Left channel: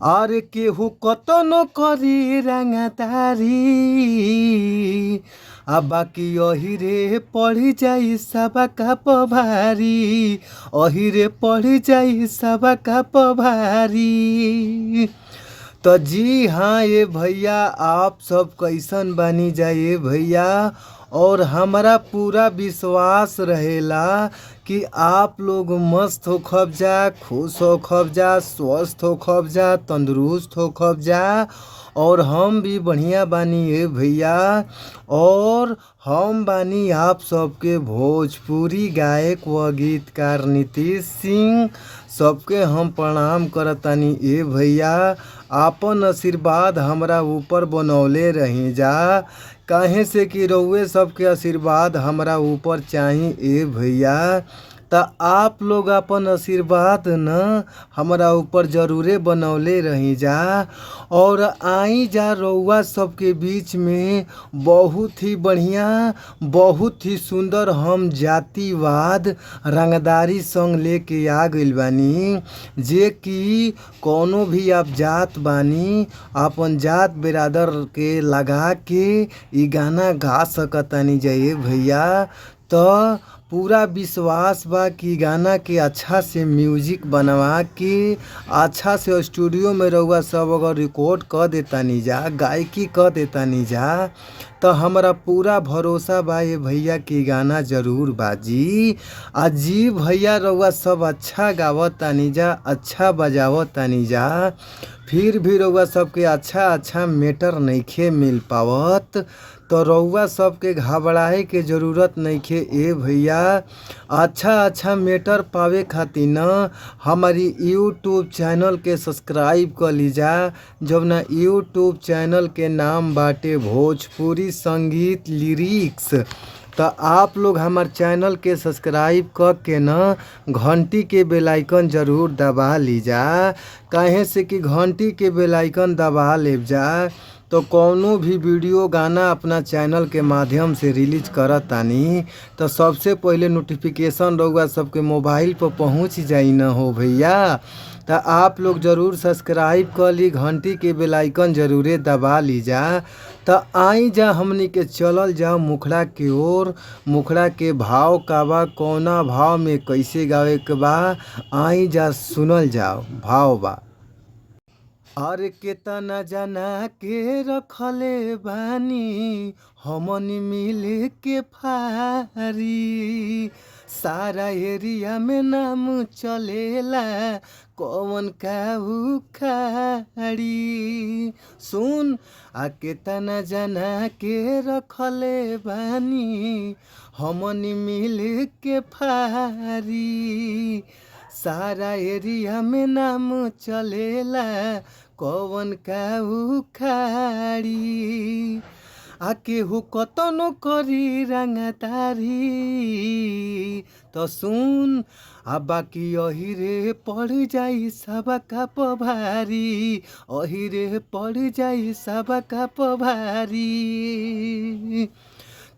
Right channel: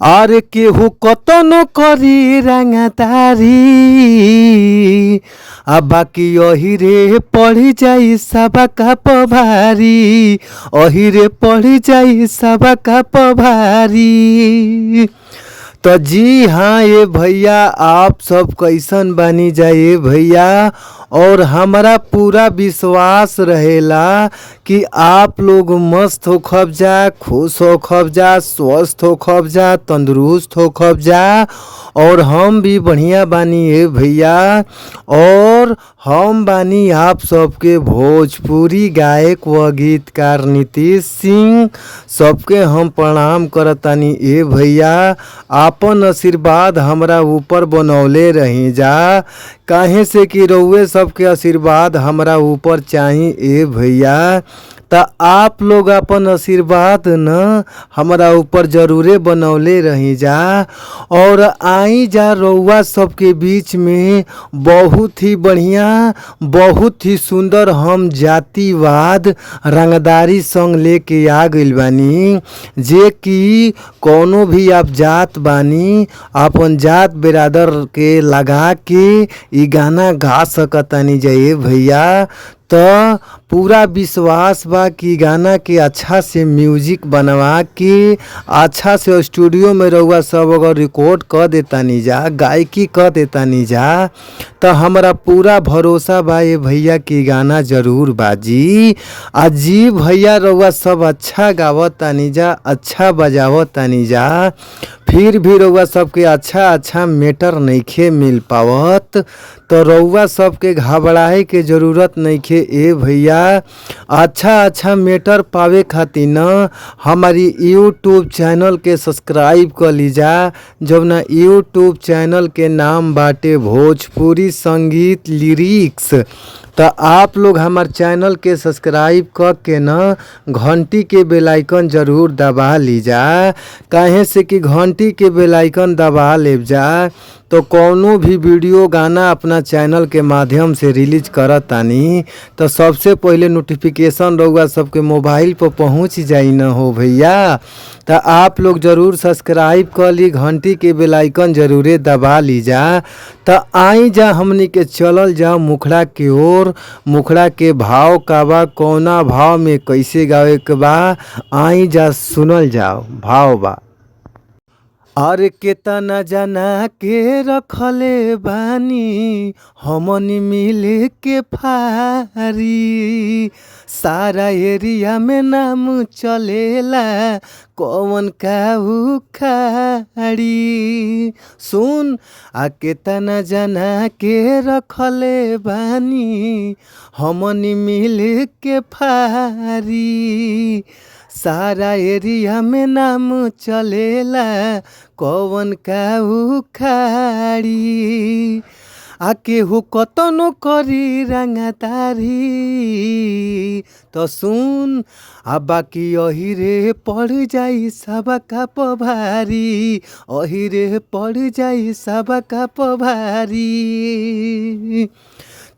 और केहू कतनो करी रंगदारी आ बाकी यही रे पढ़ी जाई सबका पभारी। अही रे पढ़ी जाई सबका पभारी। तो जी हाँ ये भैया, आप सब कैसन बनी जाए भैया। और हमारा पूरा विश्वास रहेला कि आप लोग मस्त हो खब जा, खुश हो खब जा, स्वस्थ हो खब जा, तंदुरुस्त हो खब जा। और हम भी बढ़िया बानी है भैया। और हम बानी आप सबके भोजपुरी गायक व गीतकार नीतीश सिंह। सबके हम प्रणाम करतानी ए भैया। आपन आशीर्वाद हमरा ऊपर बनौले रही जा, काहे से कि रउए सबके आशीर्वाद हमरा ऊपर चाही ए भैया। तो आप लोग अपन आशीर्वाद न हमारा ऊपर जरूरे बनौले रही जा। और आई जा रउआ सबके बीच में बहुत ही बढ़िया, बहुत ही सुंदर हम जातिवाद रंगदारी संग लेके आ गइल बानी। जे कि कोनो भी आप जात बानी, अपन जात बिरादर के लगा के ई गाना गा सकतानी जाए भैया। तो पूरा विश्वास बा कि गाना के अच्छा से म्यूजिक बनवा के अच्छा से स्टूडियो में रउआ सब अगर रिकॉर्ड कर देतानी जा, गायकी कर देतानी जा, तो हमारा पूरा भरोसा बा ये भैया कि गाना जरूर बाजी। आ जी भैया, रउआ सब अच्छा गावतानी जा, अच्छा बजावतानी जा, फिर भी रउआ सबके अच्छा मैटर नइखे मिल पावत। तो रउआ सबके घबराए के ज़रूरत नइखे ए भैया। अच्छा मैटर पावे खातिर न हमारी यूट्यूब चैनल के सब्सक्राइब कर लीजा। जब ना यूट्यूब चैनल के नाम बाटे भोजपुरी संगीत लिरिक्स। तो आप लोग हमार चैनल के सब्सक्राइब कर के न घंटी के बेल आइकन ज़रूर दबा लीजा। काहे से कि घंटी के बेल आइकन दबा ले जा तो कौनो भी वीडियो गाना अपना चैनल के माध्यम से रिलीज करतानी तो सबसे पहले नोटिफिकेशन रउआ सबके मोबाइल पर पहुंच जाई न हो भैया। तो आप लोग ज़रूर सब्सक्राइब कर ली, घंटी के बेल आइकन ज़रूरे दबा ली जा। तो आई जा हमनी के चलल जाओ मुखड़ा के ओर। मुखड़ा के भाव का बा, कौना भाव में कैसे गावे के बा, आई जा सुनल जाओ। भाव बा। और केतना जना के रखले बानी हमनी मिल के फारी। सारा एरिया में नाम चलेला कौन काहू खाड़ी। सुन, आ केतना जना के रखले बानी हमनी मिल के फारी। सारा एरिया में नाम चलेला कौन काहू खाड़ी। आ केहू कतनो करी रंगदारी। तो सुन, आ बाकी अही रे पड़ जाई सबका पभारी। अही रे पड़ जाई सबका पभारी।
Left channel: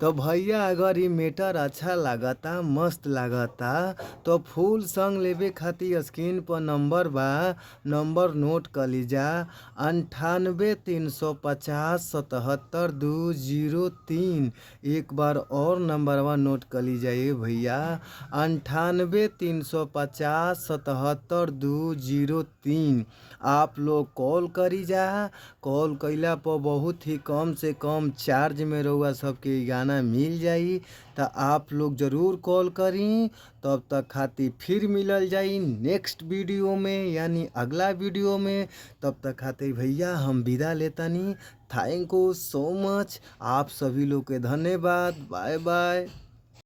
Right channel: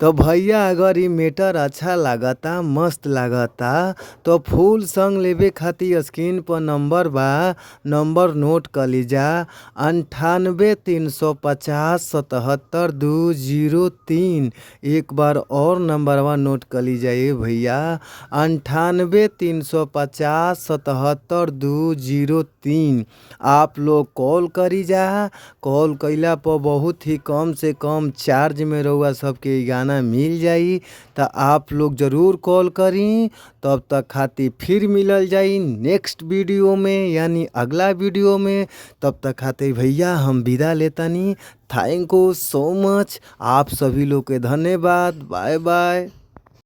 तो भैया अगर ये मैटर अच्छा लागता, मस्त लागता, तो फुल सॉन्ग लेवे खातिर स्क्रीन पर नंबर बा, नंबर नोट कर लीजा। 98 350 77 203। एक बार और नंबरवा नोट कर लीजा ये भैया। 98 350 77 203। आप लोग कॉल करी जा। कॉल कैला पर बहुत ही कम से कम चार्ज में रहुआ सबके गाना मिल जाई। तो आप लोग ज़रूर कॉल करी। तब तक खातिर फिर मिलल जाई नेक्स्ट वीडियो में, यानी अगला वीडियो में। तब तक खातिर भैया हम विदा लेतानी। Thank you so much. आप सभी लोग के धन्यवाद। Bye by.